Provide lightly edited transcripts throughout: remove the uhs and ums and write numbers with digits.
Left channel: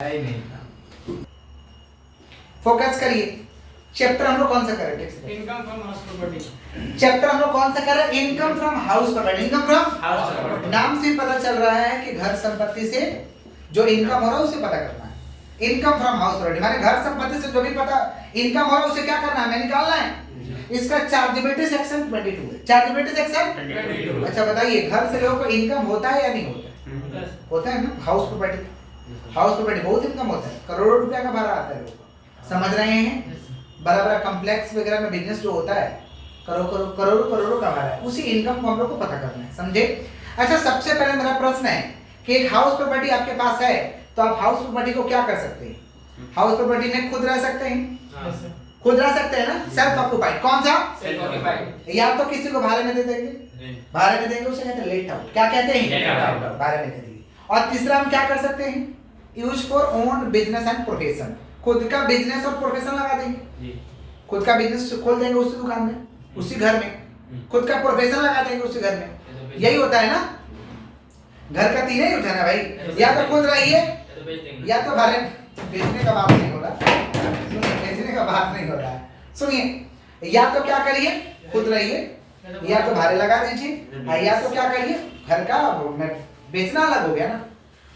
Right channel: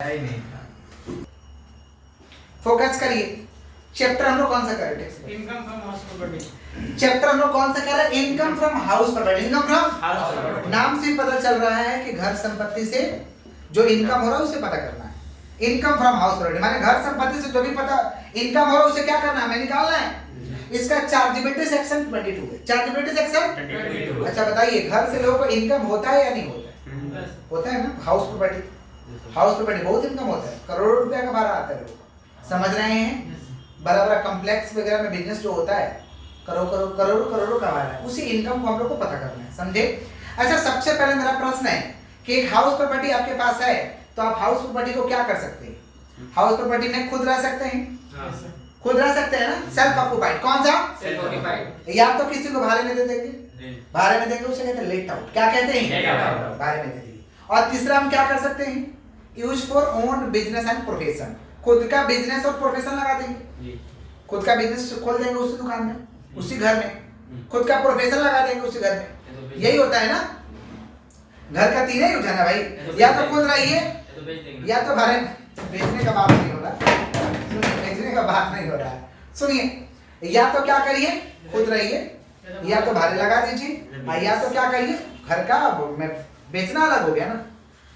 नहीं था। फोकस करिए। चैप्टर हम लोग कौन सा कर रहे हैं? Income from house property. Chapter हम लोग कौन सा कर रहे हैं? Income from house property. Income from house property. नाम से पता चल रहा है कि घर संपत्ति से जो इनकम हो रहा है उसे पता करना है। इनकम फ्रॉम हाउस प्रॉपर्टी माने घर संपत्ति से जो भी पता इनकम हो रहा है उसे क्या करना है? हमें निकालना है। इसका चार्जेबिलिटी सेक्शन 22 है। Chargeability section 22। अच्छा बताइए, घर से लोगों को इनकम होता है या नहीं होता है? होता है ना। हाउस प्रॉपर्टी बहुत इनकम होता है, करोड़ों रुपया का भाड़ा आता है लोगों को। समझ रहे हैं? बड़ा बड़ा कॉम्प्लेक्स वगैरह में बिजनेस जो होता है करोड़ों का भाड़ा है, उसी इनकम को हम लोग को पता करना है। समझे? अच्छा, सबसे पहले मेरा प्रश्न है कि एक हाउस प्रॉपर्टी आपके पास है तो आप हाउस प्रॉपर्टी को क्या कर सकते हैं? हाउस प्रॉपर्टी में खुद रह सकते हैं, खुद रह सकते हैं ना। Self occupied. कौन सा? Self occupied. या तो किसी को भाड़े में दे देंगे, भाड़े में देंगे उसे कहते हैं लेट आउट। क्या कहते हैं? Let out. भाड़े में दे देंगे। और तीसरा हम क्या कर सकते हैं? Use for own business and profession. खुद का बिजनेस और प्रोफेशन लगा देंगे। खुद का बिजनेस खोल देंगे उसी दुकान में, उसी घर में। खुद का प्रोफेशन लगा देंगे उसी घर में। यही होता है ना। घर का तीन ही होता है ना भाई। या तो खुद रहिए या तो भाड़े। बेचने का बात नहीं हो रहा, सुनिए, बेचने का बात नहीं हो रहा है। सुनिए, या तो क्या करिए? खुद रहिए, या तो भाड़े लगा दीजिए, या तो क्या करिए? घर का बेचना अलग हो गया ना।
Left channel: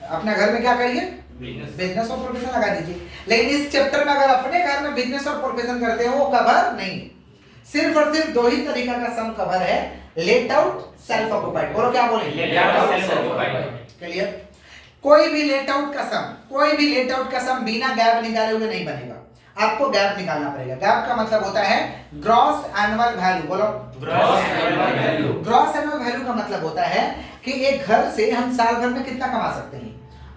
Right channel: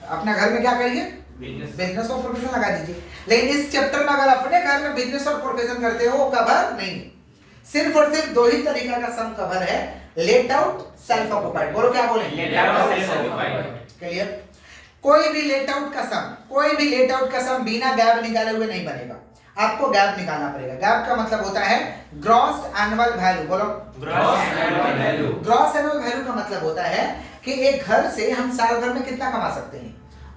अपने घर में क्या करिए? बिजनेस और प्रोफेशन लगा दीजिए। लेकिन इस चैप्टर में अगर अपने घर में बिजनेस और प्रोफेशन करते हो वो कवर नहीं। सिर्फ और सिर्फ दो ही तरीका का सम कवर है, लेट आउट, सेल्फ ऑक्यूपाइड। बोलो क्या बोले? Let out, self occupied. Clear? कोई भी लेट आउट का सम बिना गैप निकाले हुए नहीं बनेगा। आपको गैप निकालना पड़ेगा। गैप का मतलब होता है ग्रॉस एनुअल वैल्यू। बोलो gross annual value. Gross annual value का मतलब होता है कि एक घर से हम साल भर में कितना कमा सकते हैं।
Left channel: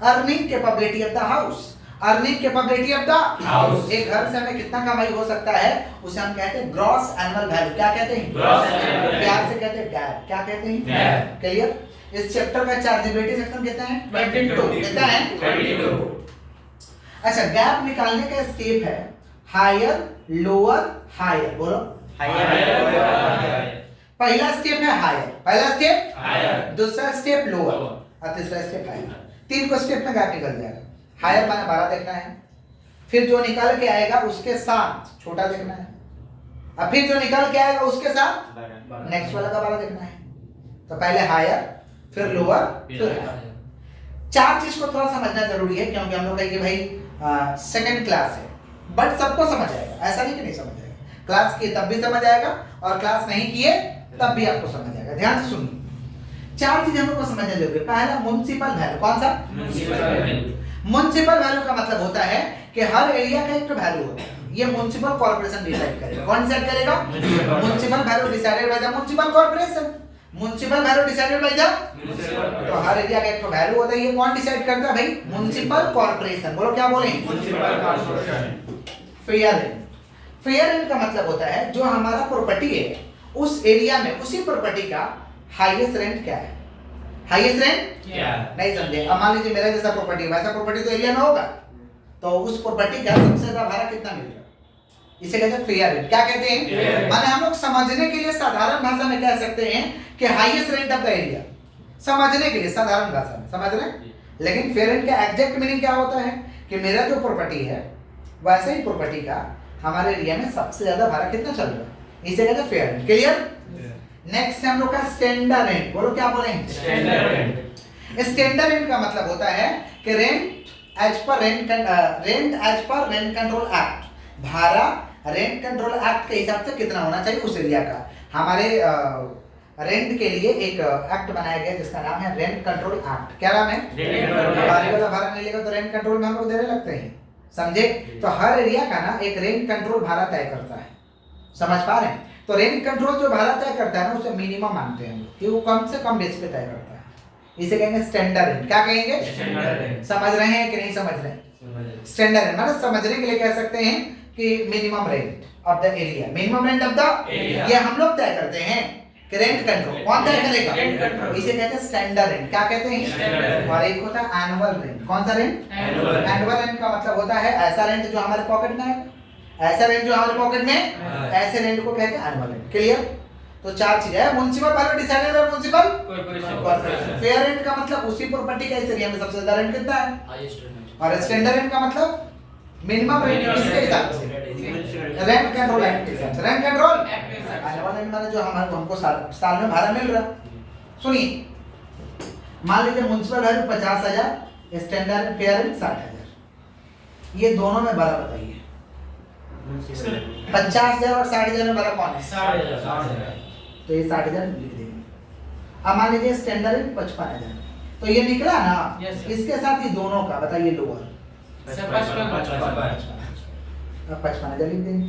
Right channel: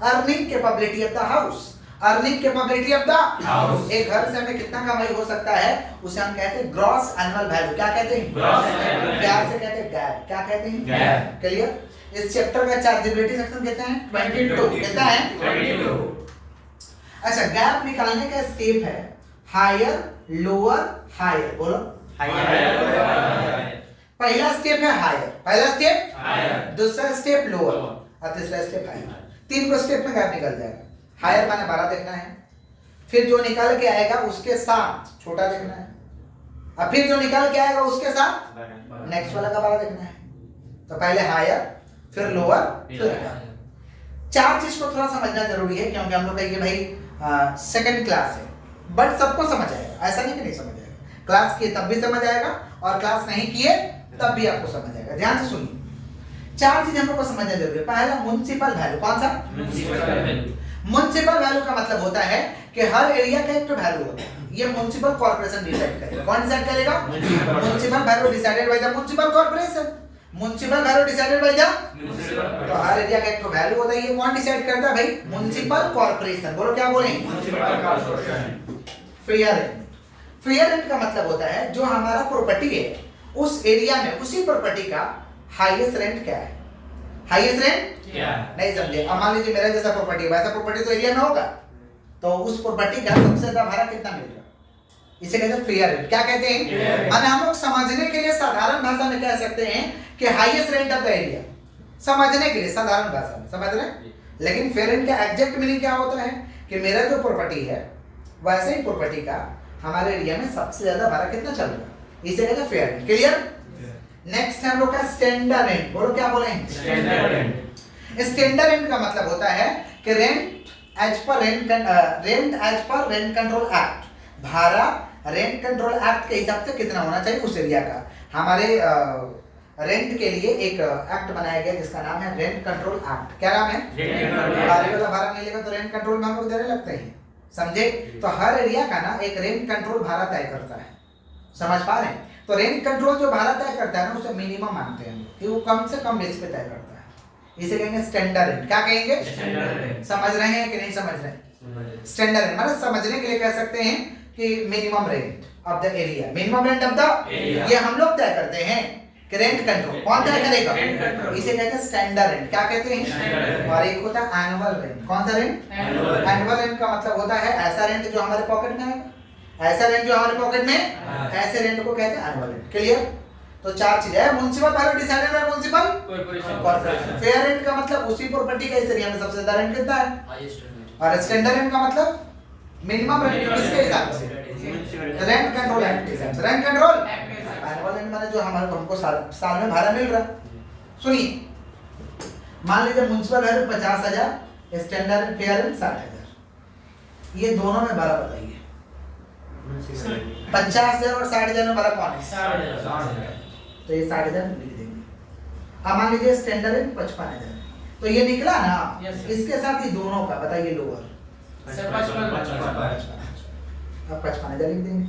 Earning capability of the house. Earning capability of the house. एक घर से हमें कितना कमाई हो सकता है उसे हम कहते हैं ग्रॉस एनुअल वैल्यू। क्या कहते हैं? Gross annual value. प्यार से कहते हैं गैप। क्या कहते हैं? गैप। क्लियर? इस चैप्टर का चार्जेबिलिटी सेक्शन कितना है? 22। कितना है? 22। अच्छा, गैप निकालने का स्टेप है हायर, लोअर, हायर। बोलो हायर। पहला स्टेप है हायर, पहला स्टेप हायर। दूसरा स्टेप लोअर और तीसरा स्टेप हायर। तीन को स्टेप में गैप निकल जाएगा। हायर माने बड़ा देखना है, फिर जो निकल के आएगा उसके साथ छोटा देखना है, और फिर जो निकल के आएगा उसके साथ नेक्स्ट वाला का बड़ा देखना है। तो पहले हायर, फिर लोअर, फिर हायर। चार चीज को थोड़ा समझना जरूरी है क्योंकि हम लोग कहेंगे भाई सेकंड क्लास है, बट सबको समझ आएगा। ऐसा नहीं कि नहीं समझ आएगा। क्लास किए तब भी समझ आएगा और क्लास नहीं किए तब भी आपको समझ आएगा। ध्यान से सुनिए, चार चीज हम लोग को समझना जरूरी है। पहला म्युनिसिपल वैल्यू। कौन सा? म्युनिसिपल वैल्यू का मतलब होता है कि हर एरिया का एक वैल्यू होता है। ये म्युनिसिपल कॉर्पोरेशन डिसाइड करेगा। कौन डिसाइड करेगा? Municipal value decided by the municipal corporation. Municipal value decided by the, तो हर एरिया का एक वैल्यू होता है। ये कौन डिसाइड करता है भाई? Municipal corporation. बोलो क्या बोले? Municipal corporation. Fair rent. Fair rent का मतलब होता है जो हमारा प्रॉपर्टी है उस एरिया में उसी प्रॉपर्टी का हाईएस्ट रेंट क्या है? हाईएस्ट रेंट क्या? नहीं समझे? अब मान लीजिए मेरा जैसा प्रॉपर्टी है वैसा प्रॉपर्टी तो एरिया में होगा, तो उस प्रॉपर्टी का सबसे ज्यादा भाड़ा कितना मिल रहा है? इसे कहते हैं फेयर रेंट। क्या कहते हैं? माने हम लोग समझने के लिए साधारण भाषा में कह सकते हैं कि highest rent of the area. समझने के लिए साधारण भाषा में समझ रहे हैं। लेकिन फेयर रेंट का एग्जैक्ट मीनिंग क्या होता है कि मेरा जो प्रॉपर्टी है वैसे ही प्रॉपर्टी का हमारे एरिया में सबसे ज्यादा भाड़ा कितना चल रहा है, इसे कहते हैं फेयर रेंट। क्लियर? नेक्स्ट है हम लोग का स्टैंडर्ड रेंट। बोलो क्या बोलेंगे? Standard rent. स्टैंडर्ड रेंट का मतलब होता है कि rent as per rent control act. भाड़ा रेंट कंट्रोल एक्ट के हिसाब से कितना होना चाहिए उस एरिया का। हमारे रेंट के लिए एक एक्ट बनाया गया जिसका नाम है रेंट कंट्रोल एक्ट। क्या नाम है? भाड़ा नहीं लेगा तो रेंट कंट्रोल में हम लोग देने लगते हैं। समझे? तो हर एरिया का ना एक रेंट कंट्रोल भाड़ा तय करता है। समझ पा रहे हैं? तो रेंट कंट्रोल जो भाड़ा तय करता है ना उसे मिनिमम मानते हैं हम लोग कि वो कम से कम बेस पे तय करता है। इसे कहेंगे स्टैंडर्ड रेंट। क्या कहेंगे? Standard rent. समझ रहे हैं कि नहीं समझ रहे हैं? स्टैंडर्ड रेंट मतलब समझने के लिए कह सकते हैं कि minimum rent of the area. Minimum rent of the area. ये हम लोग तय करते हैं कि रेंट कंट्रोल कौन तय करेगा? Rent control. इसे कहते हैं स्टैंडर्ड रेंट। क्या कहते हैं? Standard rent. और एक होता है एनुअल रेंट। कौन सा rent? Annual rent. Annual rent का मतलब होता है ऐसा रेंट जो हमारे पॉकेट में आएगा। ऐसा रेंट जो हमारे पॉकेट में, ऐसे रेंट को कहते हैं एनुअल रेंट। क्लियर? तो चार चीज है। Municipal value decided by municipal corporation. Fair rent का मतलब उसी प्रॉपर्टी का इस एरिया में सबसे ज्यादा रेंट कितना है। Highest rent. और स्टैंडर्ड रेंट का मतलब मिनिमम रेंट किसके हिसाब से, रेंट कंट्रोल एक्ट के हिसाब से। रेंट कंट्रोल एनुअल रेंट माने जो हमारे हमको साल में भाड़ा मिल रहा। सुनिए, मान लीजिए municipal value 50,000, standard fair rent 60,000, ये दोनों में बड़ा बताइए 50,000 और 60,000 में बड़ा कौन है? 60,000। तो ये 60,000 लिख देंगे। अब मान लीजिए स्टैंडर्ड रेंट 55,000, तो ये निकला ना, इसके साथ ही दोनों का बताइए लोअर 55,000। अब 55,000 लिख देंगे।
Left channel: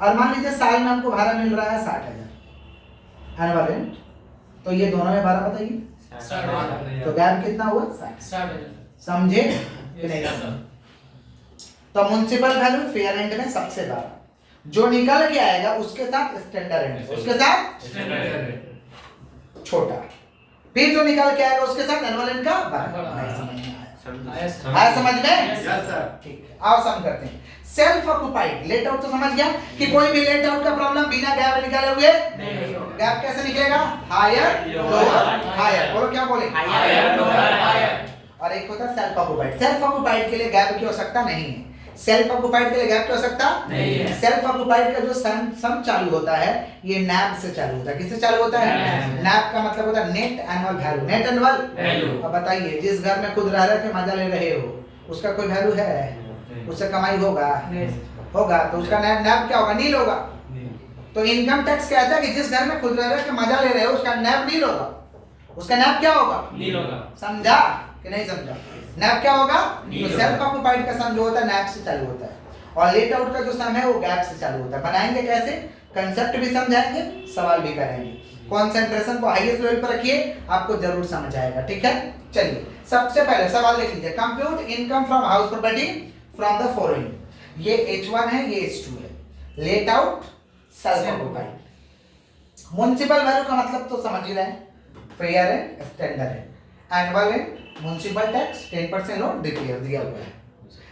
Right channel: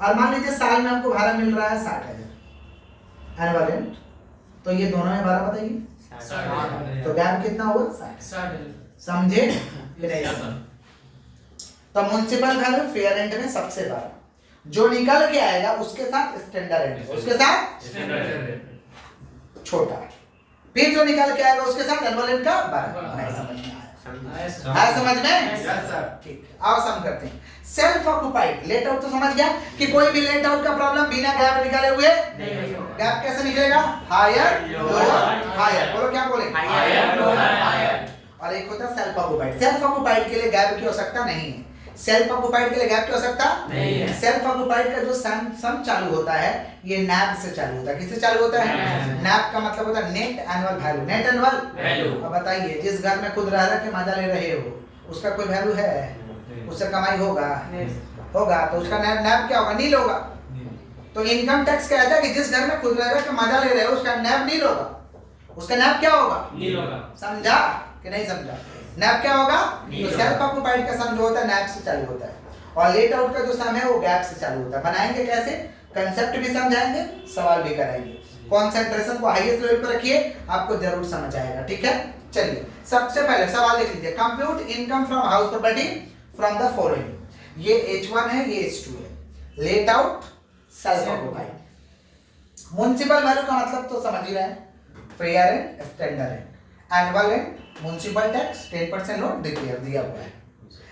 और मान लीजिए साल में हमको भाड़ा मिल रहा है 60,000 एनुअल रेंट, तो ये दोनों में भाड़ा बताइए, तो गैप कितना हुआ? 60। समझे कि नहीं? तो म्युनिसिपल वैल्यू फेयर रेंट में सबसे बड़ा, जो निकल के आएगा उसके साथ स्टैंडर्ड रेंट, उसके साथ छोटा, फिर जो निकल के आएगा उसके साथ एनुअल रेंट का बड़ा। नहीं समझ में आया समझ में? Yes sir. ठीक है, आओ सम करते हैं। सेल्फ ऑक्युपाइड लेट आउट तो समझ गया कि कोई भी लेट आउट का प्रॉब्लम बिना गैप निकाले हुए नहीं होगा। गैप कैसे निकलेगा? हायर लोअर हायर, बोलो क्या बोले? Higher lower higher. और एक होता है सेल्फ ऑक्युपाइड। सेल्फ ऑक्युपाइड के लिए गैप की आवश्यकता नहीं है। सेल्फ ऑक्युपाइड के लिए गैप की आवश्यकता नहीं है। सेल्फ ऑक्युपाइड का जो सम चालू होता है ये नैब से चालू होता है। किससे चालू होता है? नैब का मतलब होता है net annual value. Net annual value. अब बताइए, जिस घर में खुद रह रहे के मजा ले रहे हो उसका कोई वैल्यू है? उससे कमाई होगा? होगा, तो उसका नैब क्या होगा? नील होगा। तो इनकम टैक्स कहता है कि जिस घर में खुद रह रहे के मजा ले रहे हो उसका नैब नील होगा। उसका नैब क्या होगा? नील होगा। समझा कि नहीं समझा? नैब क्या होगा? तो सेल्फ ऑक्युपाइड का सम जो होता है नैब से चालू होता है, और लेट आउट का जो सम है वो गैप से चालू होता है। बनाएंगे कैसे? कंसेप्ट भी समझाएंगे, सवाल भी कराएंगे। कंसंट्रेशन को हाईएस्ट लेवल पर रखिए, आपको जरूर समझ आएगा। ठीक है, चलिए सबसे पहले सवाल लिख लीजिए। Compute income from house property from the following. ये H1 है, ये H2 है। Let out, self occupied. Municipal value का मतलब तो समझ ही रहे हैं, fair rent, standard rent, annual rent, municipal tax, 10% loan, repair दिया हुआ है।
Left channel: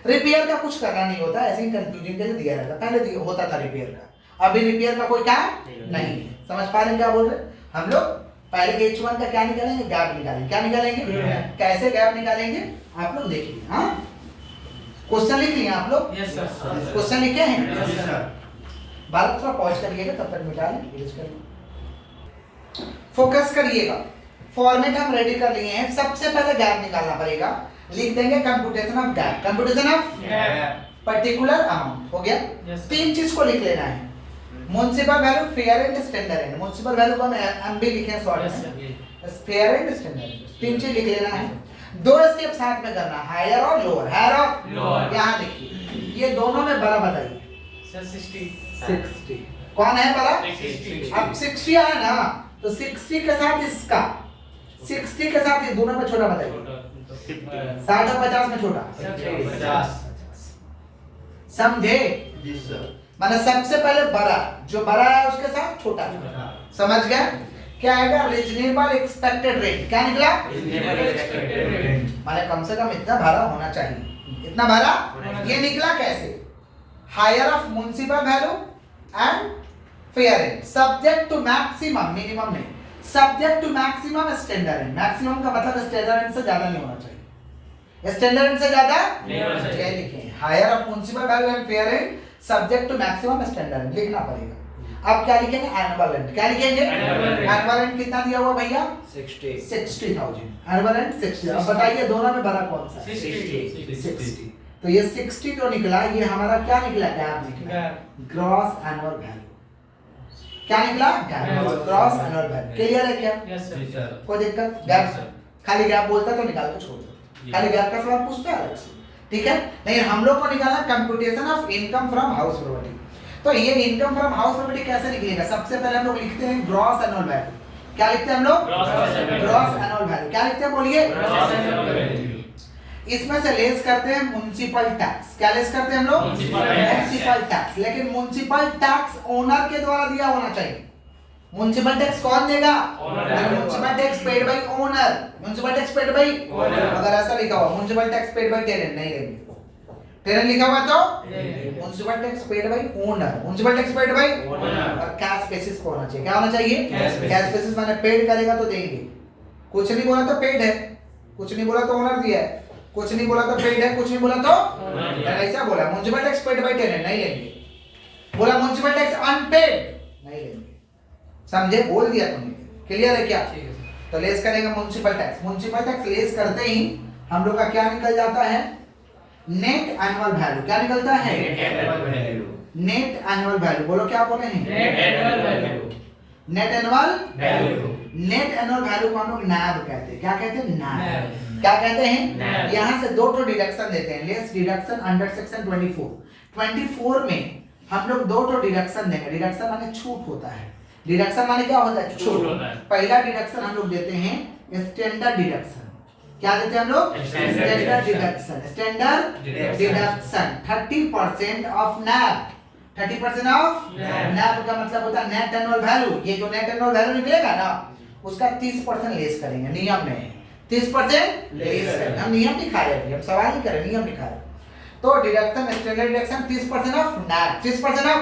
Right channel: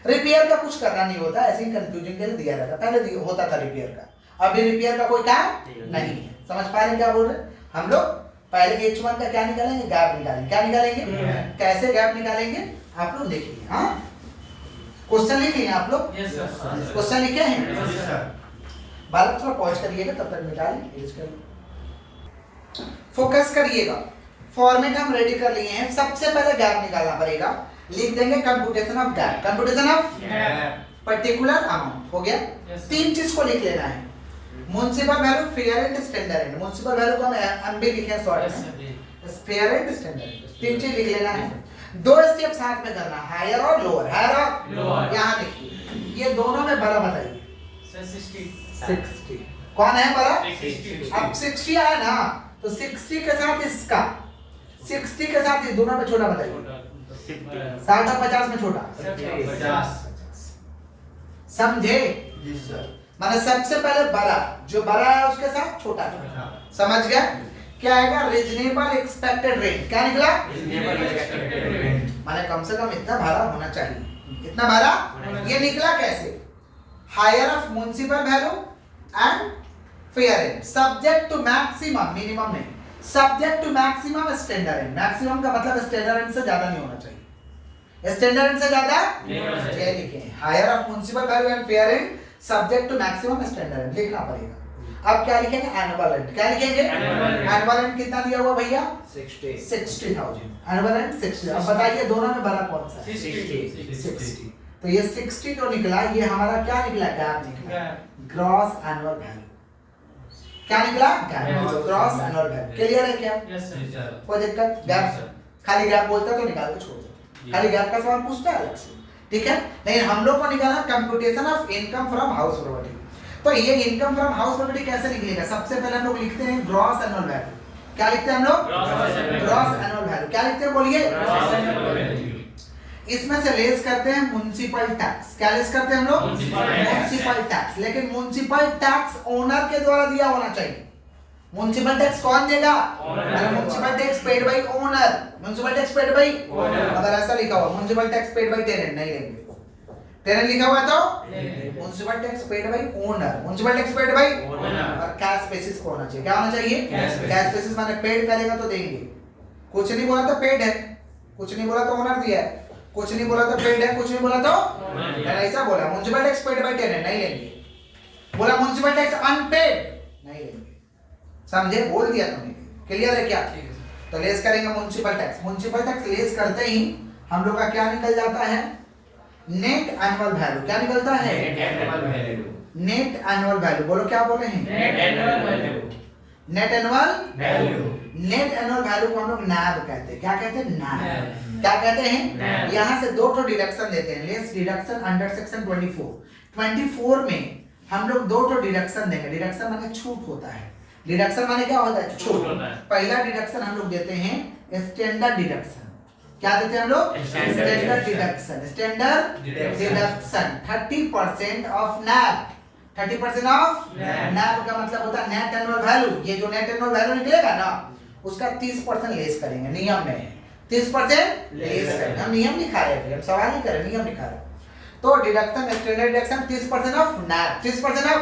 रिपेयर का कुछ करना नहीं होता, ऐसे ही कंफ्यूजन के लिए दिया जाता है। पहले होता था रिपेयर का, अभी रिपेयर का कोई काम नहीं है। समझ पा रहे हैं क्या बोल रहे हैं हम लोग? पहले H1 का क्या निकालेंगे? गैप निकालेंगे। क्या निकालेंगे? कैसे गैप निकालेंगे आप लोग देखिए। हाँ, क्वेश्चन लिख लिए आप लोग? Yes sir. क्वेश्चन लिखे हैं? Yes sir. बालक थोड़ा पॉज करिएगा, तब तक मिटा लें। फोकस करिएगा। फॉर्मेट हम रेडी कर लिए हैं। सबसे पहले गैप निकालना पड़ेगा। लिख देंगे computation of gap. Computation of particular amount हो गया। तीन चीज को लिख लेना है, municipal value, fair and standard rent. Municipal value को हम एमबी लिखे हैं शॉर्ट में, फेयर एंड स्टैंडर्ड रेंट। तीन चीज लिख लेना है। दो स्टेप साथ में करना, हायर और लोअर। हायर और लोअर यहां लिखिए। ये दोनों में बड़ा बताइए। सर 60 कौन है बड़ा? 60। अब 60 आया ना, तो 60 के साथ इसका, 60 के साथ ये दोनों में छोटा बताइए। 60 और 50 में छोटा 50। समझे? जी सर। माने सबसे पहले बड़ा, जो बड़ा है उसके साथ छोटा। समझ गया? क्या आएगा? Reasonable expected rent. क्या निकला? माने कम से कम इतना भाड़ा होना चाहिए। इतना भाड़ा ये निकला कैसे? Higher of municipal value and fair rent, subject to maximum, minimum नहीं, subject to maximum standard rent. Maximum का मतलब स्टैंडर्ड रेंट से ज्यादा नहीं होना चाहिए। स्टैंडर्ड रेंट से ज्यादा नहीं होना चाहिए। ये लिखें, higher of municipal value and fair rent subject to maximum standard rent लिखना पड़ेगा। अब क्या लिखेंगे? Annual rent. क्या लिखेंगे? एनुअल रेंट कितना दिया हुआ भैया? 60,000 एनुअल रेंट 60। अब बताइए दोनों में बड़ा कौन सा है? 60। तो ये 60 जो निकला, ये हमारा क्या निकला? गैप निकला, ग्रॉस एनुअल वैल्यू। क्या निकला? Gap, gross annual value. Clear है क्या? Yes sir. कोई दिक्कत? गैप खाली गैप बोलता तो निकाल के छोड़ देते, खाली गैप का सवाल पूछता है अलग से। ठीक है, नहीं हम लोग को निकालना computation of income from house property. तो ये इनकम फ्रॉम हाउस प्रॉपर्टी कैसे निकलेगा? सबसे पहले हम लोग लिखते हैं ग्रॉस एनुअल वैल्यू। क्या लिखते हैं हम लोग? Gross annual value. क्या लिखते हैं बोलिए? इसमें से लेस करते हैं म्युनिसिपल टैक्स। क्या लेस करते हैं हम लोग? Municipal tax. लेकिन म्युनिसिपल टैक्स ओनर के द्वारा दिया होना चाहिए। म्युनिसिपल टैक्स कौन देगा? Municipal tax paid by owner. Municipal tax paid by owner. अगर ऐसा लिखा हुआ municipal tax paid by tenant, नहीं लेंगे। टेनेंट लिखा हुआ है तो municipal tax paid by owner, municipal tax paid by owner. और कैश बेसिस को होना चाहिए। क्या होना चाहिए? कैश बेसिस माने पेड करेगा तो देंगे। कुछ नहीं बोला तो पेड है, कुछ नहीं बोला तो ओनर दिया है, कुछ नहीं बोला तो पेड है, कुछ नहीं बोला तो मैंने ऐसा बोला। Municipal tax paid by tenant नहीं लेंगे। बोला म्युनिसिपल टैक्स अनपेड नहीं लेंगे। समझे? बोल दिया तुमने। क्लियर है क्या? तो लेस करेंगे municipal tax. Municipal tax less करते ही हम लोग का क्या निकल जाता है? Net annual value. क्या निकलता है? Net annual value. बोलो क्या बोल रहे हैं? Net annual value. Net annual value को हम लोग नैब कहते हैं। क्या कहते हैं? नैब। क्या कहते हैं? यहाँ से दो तो डिडक्शन देते हैं। लेस डिडक्शन अंडर सेक्शन 24 में हम लोग दो तो डिडक्शन देंगे। डिडक्शन माने छूट होता है। डिडक्शन माने क्या होता है? छूट। पहला डिडक्शन हम लोग देते हैं स्टैंडर्ड डिडक्शन। क्या देते हैं हम लोग? Standard deduction. Standard deduction 30% of NAV. 30% of NAV का मतलब होता है नेट एनुअल वैल्यू। ये जो नेट एनुअल वैल्यू निकलेगा ना उसका 30% लेस करेंगे। नियम में 30% लेस करेंगे। हम नियम नहीं खा रहे, हम सवाल ही कर रहे, नियम नहीं खा रहे। तो deduction standard deduction 30% of NAV. 30% of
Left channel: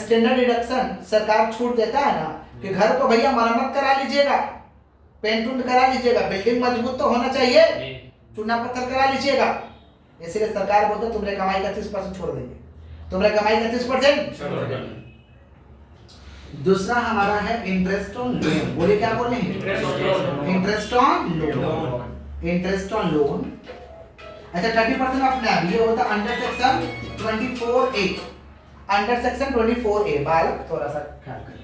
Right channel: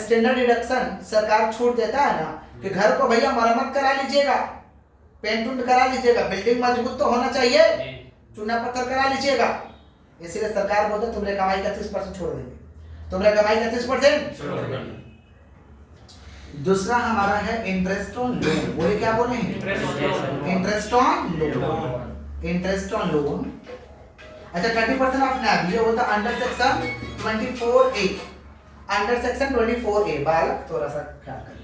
standard deduction सरकार छूट देता है ना कि घर को भैया मरम्मत करा लीजिएगा, पेंट उंट करा लीजिएगा, बिल्डिंग मजबूत तो होना चाहिए, चूना पत्थर करा लीजिएगा। इसलिए सरकार बोलते तुम्हारे कमाई का 30% छोड़ देंगे। तुम्हारे कमाई का 30% छोड़ देंगे। दूसरा हमारा है इंटरेस्ट ऑन लोन। बोले क्या बोले? Interest on loan. Interest on loan. अच्छा 30% ऑफ नैब ये होता है under section 24A। Under section 24A बालक थोड़ा सा ख्याल करें।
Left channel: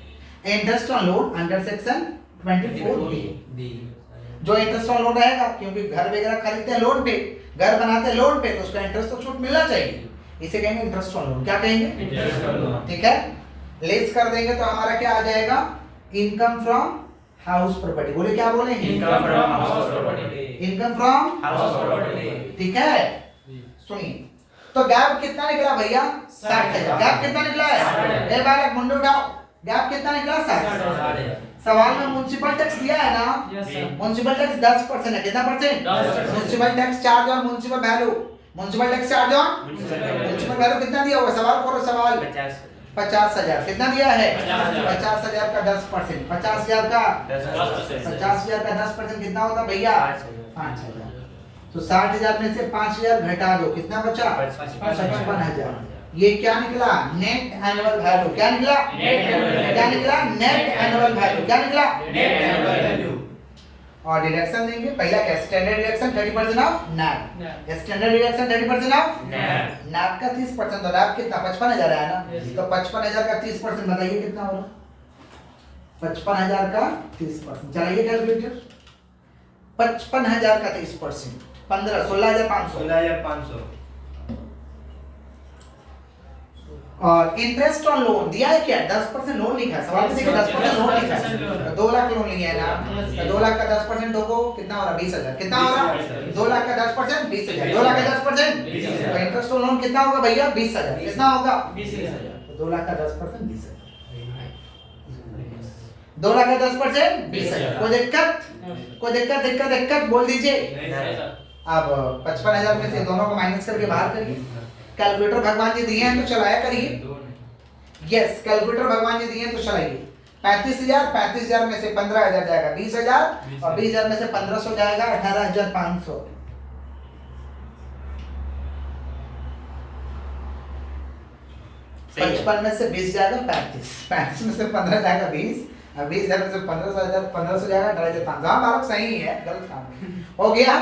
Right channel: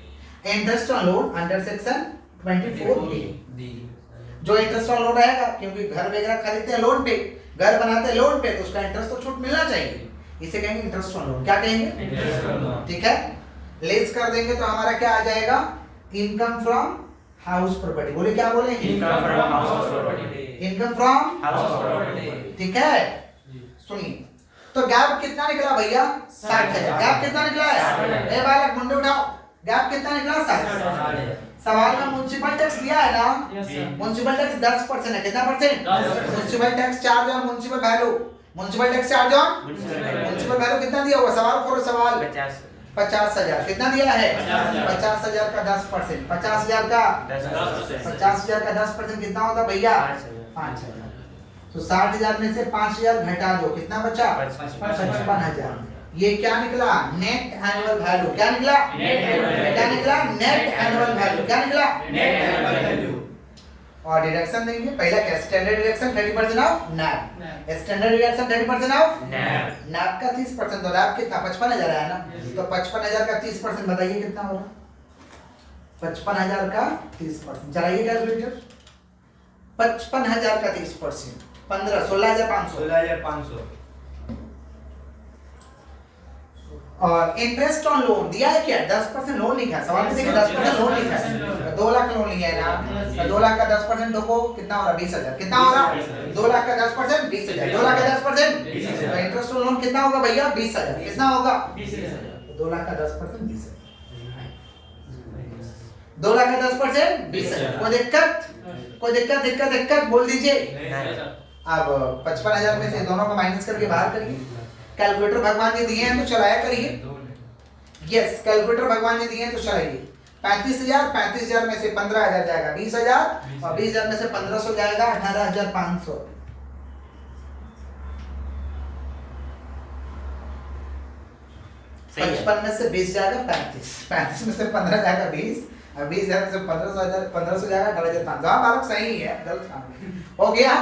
Interest on loan under section 24A। जो इंटरेस्ट ऑन लोन रहेगा, क्योंकि घर वगैरह खरीदते हैं लोन पे, घर बनाते हैं लोन पे, तो उसका इंटरेस्ट तो छूट मिलना चाहिए। इसे कहेंगे इंटरेस्ट ऑन लोन। क्या कहेंगे? ठीक है। लेस कर देंगे तो हमारा क्या आ जाएगा? Income from house property. बोले क्या बोले? Income from house property. Income from house property. ठीक है। सुनिए तो गैप कितना निकला भैया? 60,000। गैप कितना निकला है? ए बालक मुंडे उठाओ। गैप कितना निकला? 60,000। सवाल में म्युनिसिपल टैक्स दिया है ना? म्युनिसिपल टैक्स 10% है। कितना परसेंट? म्युनिसिपल टैक्स चार्ज और municipal value. Municipal tax charge और म्युनिसिपल वैल्यू कितना दिया हुआ? सवाल करो सवाल। 50,000। कितना दिया है? 50,000 का 10%। 50,000 का 10% कितना होता भैया? 5,000। तो 60,000 में से 5,000 घटा दो, कितना बचा? 55,000। ये क्या निकला? Net annual value. क्या निकला? क्या निकला? Net annual value. क्या निकला? Net annual value. और डिडक्शन देंगे। पहला क्या? Standard deduction 30% of NAV. Standard deduction 30% of NAV का 30%। तो नैब कितना? 55,000 है ना? तो 55,000 का 30% बताइए कितना होगा? 55,000 का 30% चलाइए कैलकुलेटर। 55,000 का 30% 16,500। 16,500। और इंटरेस्ट ऑन लोन दिया है क्या? 10% लोन लिखा है सवाल में। देखिए 10% लोन लिखा है। 2 लाख लोन लिया है ना? तो 2 लाख का 10% देखो कितना हो रहा? 20,000। कितना हो रहा? 2 लाख का 10% 20,000। 2 लाख का 10% 20,000। तो इंटरेस्ट ऑन लोन कितना होगा भैया? 20,000। कितना होगा? 20,000। तो 2 लाख का 10% 20,000। 2 लाख का 10% 20,000। कोई दिक्कत? कोई दिक्कत बोल दीजिए। अब 55,000 में से दोनों को माइनस करके बाहर करिए। कैलकुलेटर भगवान जी दिए हैं तो चलाया करिए। यस कैलकुलेटर भगवान जी दिए हैं तो चलाइए। 35,000 में से 15,000 जाएगा 20,000 और 20,000 में से 1,500 जाएगा 18,500। सही है। 55 में से 20 जाएगा 35। 35 में से 15 जाएगा 20 और 20,000 में से 1500 जाएगा 18,500। हाँ बालक सही है, गलत काम हो गया।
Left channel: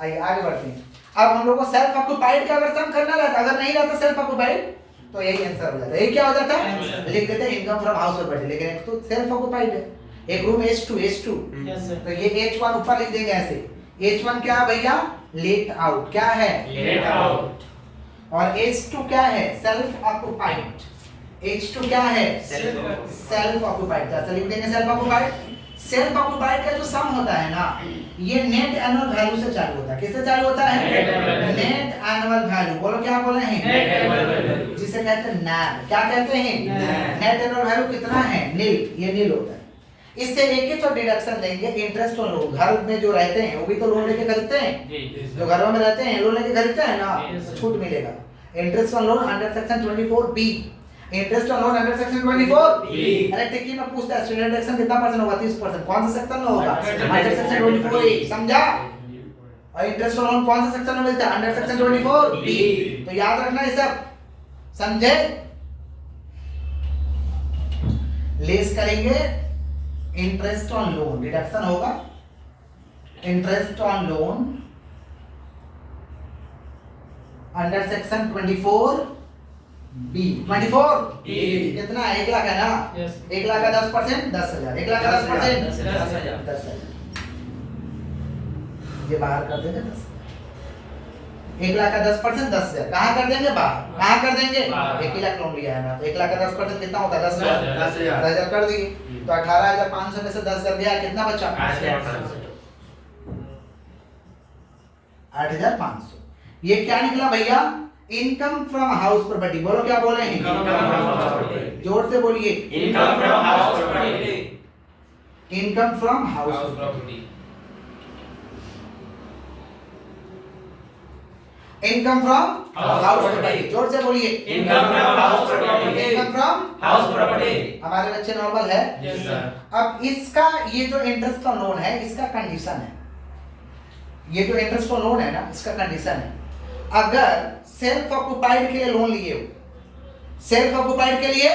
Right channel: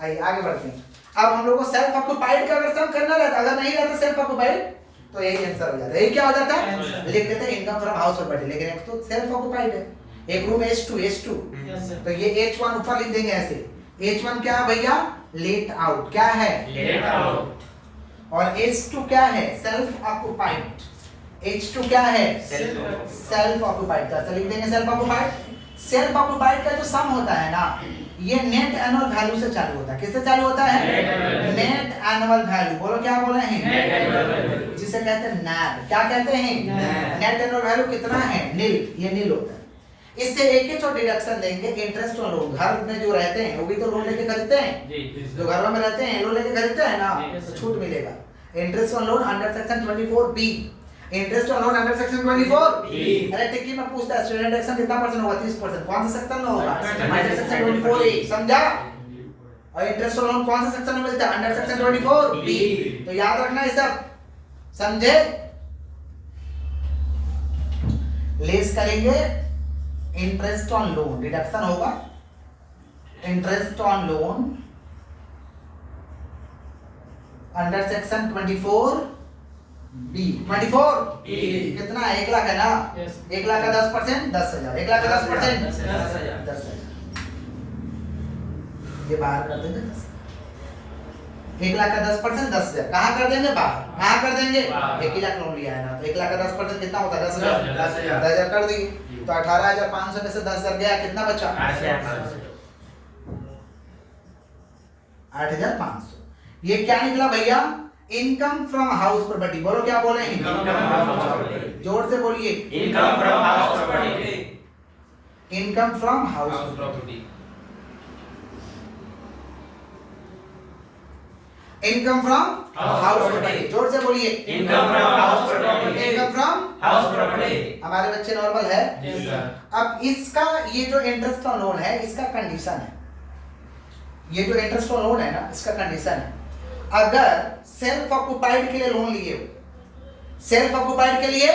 आइए आगे बढ़ते हैं। अब हम लोग को सेल्फ ऑक्युपाइड का अगर सम करना रहता, अगर नहीं रहता सेल्फ ऑक्युपाइड तो यही आंसर हो जाता है। ये क्या हो जाता है? लिख देते हैं इनकम फ्रॉम हाउस प्रॉपर्टी। लेकिन एक तो सेल्फ ऑक्युपाइड है, एक रूम H2 तो ये H1 ऊपर लिख देंगे ऐसे। H1 क्या है भैया? Let out. क्या है? Let out. और H2 क्या है? Self occupied. H2 क्या है? Self occupied. का लिख देंगे सेल्फ ऑक्युपाइड। सेल्फ ऑक्युपाइड का जो सम होता है ना ये नेट एनुअल वैल्यू से चालू होता है। किससे चालू होता है? Net annual value. बोलो क्या बोले हैं? जिसे कहते हैं नैब। क्या कहते हैं? नेट एनुअल वैल्यू कितना है? नील। ये नील होता है। इससे एक ही तो डिडक्शन लेंगे इंटरेस्ट ऑन लोन। घर में जो रहते हैं वो भी तो लोन लेके खरीदते हैं। जो घरों में रहते हैं लोन लेके खरीदते हैं ना, तो छूट मिलेगा। Interest on loan under section 24B। Interest on loan under section 24B। अरे टिक्की में पूछता है स्टैंडर्ड डिडक्शन कितना परसेंट होगा? 30%। कौन सा सेक्शन में होगा? Under section 24A। समझा? और इंटरेस्ट ऑन लोन कौन सा सेक्शन में मिलता है? Under section 24 B. तो याद रखना है सब, समझे? लेस करेंगे इंटरेस्ट ऑन लोन, डिडक्शन होगा interest on loan under section 24 B. 24 कितना है? 1 लाख है ना? 1 लाख का 10% 10,000, 1 लाख का 10% 10,000। ये बाहर कर देंगे 10, 1 लाख का 10% 10,000। कहाँ कर देंगे? बाहर। कहाँ कर देंगे? 1 ही लाख लोन लिया है ना, तो 1 लाख का 10% कितना होता है? 10,000। 10,000 कर दिए तो 18,500 में से 10,000 गया, कितना बचा? 8,500। ये क्या निकला भैया? Income from house property. बोलो क्या बोले हैं? जोर से बोलिए। Income from house property. Income from house property. Income from House house property। Property. जोर से बोलिए। Income from house property. Income from house property. हमारे बच्चे नॉर्मल है। Yes sir. अब इसका ये जो इंटरेस्ट ऑन लोन है, इसका कंडीशन है, ये जो इंटरेस्ट ऑन लोन है ना, इसका कंडीशन है, अगर सेल्फ ऑक्युपाइड के लिए लोन लिए हो, सेल्फ ऑक्युपाइड के लिए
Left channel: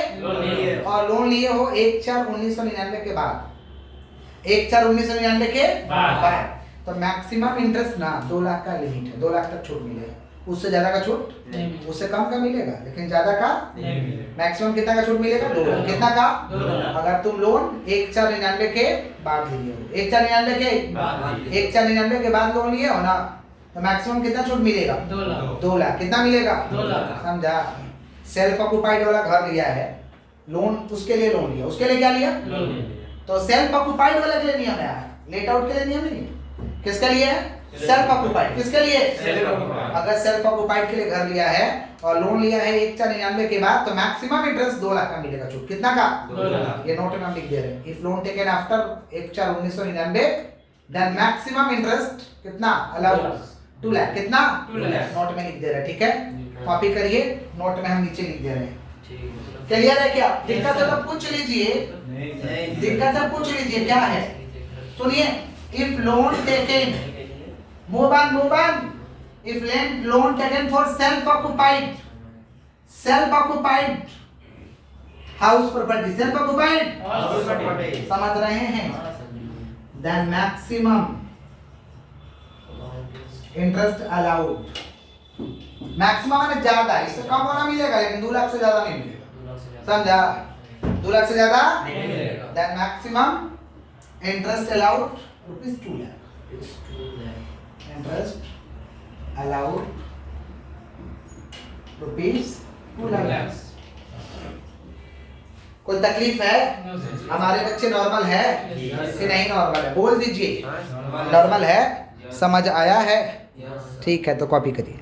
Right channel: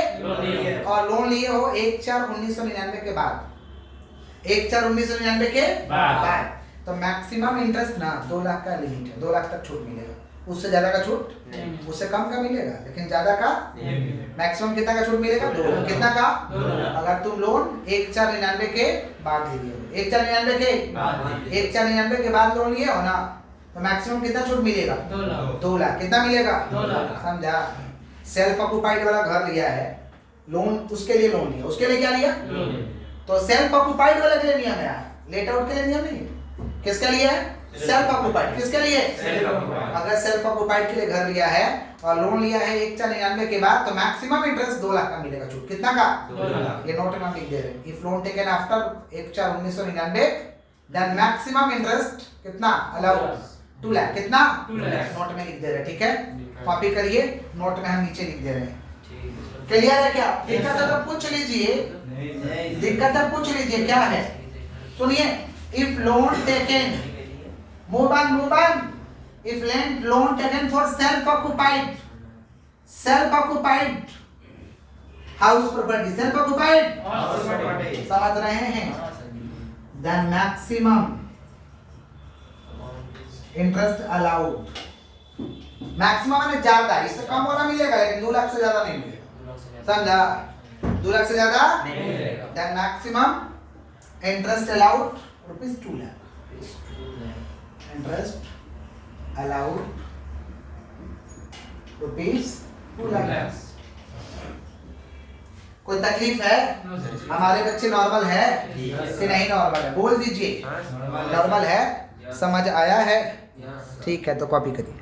और लोन लिए हो 1/4/1999 के बाद, 1/4/1999 के बाद, तो मैक्सिमम इंटरेस्ट ना 2 लाख का लिमिट है, 2 लाख तक छूट मिलेगा। उससे ज्यादा का छूट नहीं। उससे कम का मिलेगा, लेकिन ज्यादा का नहीं। मैक्सिमम कितना का छूट मिलेगा? 2 लाख। कितना का? 2 लाख। अगर तुम लोन 1/4/99 के बाद लिए हो, 1/4/99 के 1/4/99 के बाद लोन लिए हो ना, तो मैक्सिमम कितना छूट मिलेगा? 2 लाख। कितना मिलेगा? 2 लाख। समझा? सेल्फ ऑक्युपाइड वाला घर लिया है, लोन उसके लिए लोन लिया, उसके लिए क्या लिया? तो सेल्फ ऑक्युपाइड वाले के लिए नियम है, लेट आउट के लिए नियम नहीं है। किसके लिए है? Self occupied. किसके लिए? Self occupied। अगर सेल्फ ऑक्युपाइड के लिए घर लिया है और लोन लिया है 1/4/99 के बाद, तो मैक्सिमम इंटरेस्ट 2 लाख का मिलेगा छूट। कितना का? 2 लाख। ये नोट में हम लिख दे रहे हैं। If loan taken after 1/4/1999 then maximum interest कितना अलाउड? 2 लाख। कितना? 2 लाख। नोट में लिख दे रहे हैं, ठीक है? कॉपी करिए, नोट में हम नीचे लिख दे रहे हैं। ठीक क्लियर है क्या? दिक्कत है तो पूछ लीजिए, दिक्कत है पूछ लीजिए क्या है। सुनिए, if loan taken move on, if loan taken for self occupied house property, self occupied house property. समझ रहे हैं? then maximum interest allowed, maximum माने ज्यादा, इससे कम वाला मिलेगा लेकिन 2 लाख से ज्यादा नहीं मिलेगा। समझा? 2 लाख से ज्यादा नहीं मिलेगा। then maximum interest allowed ₹2 lakh. Interest allowed ₹2 lakh. कोई तकलीफ है? हमारे बच्चे नॉर्मल है कि नहीं नॉर्मल है? बोल दीजिए नॉर्मल है। समझ आया है? ठीक है, तो कॉपी करिए।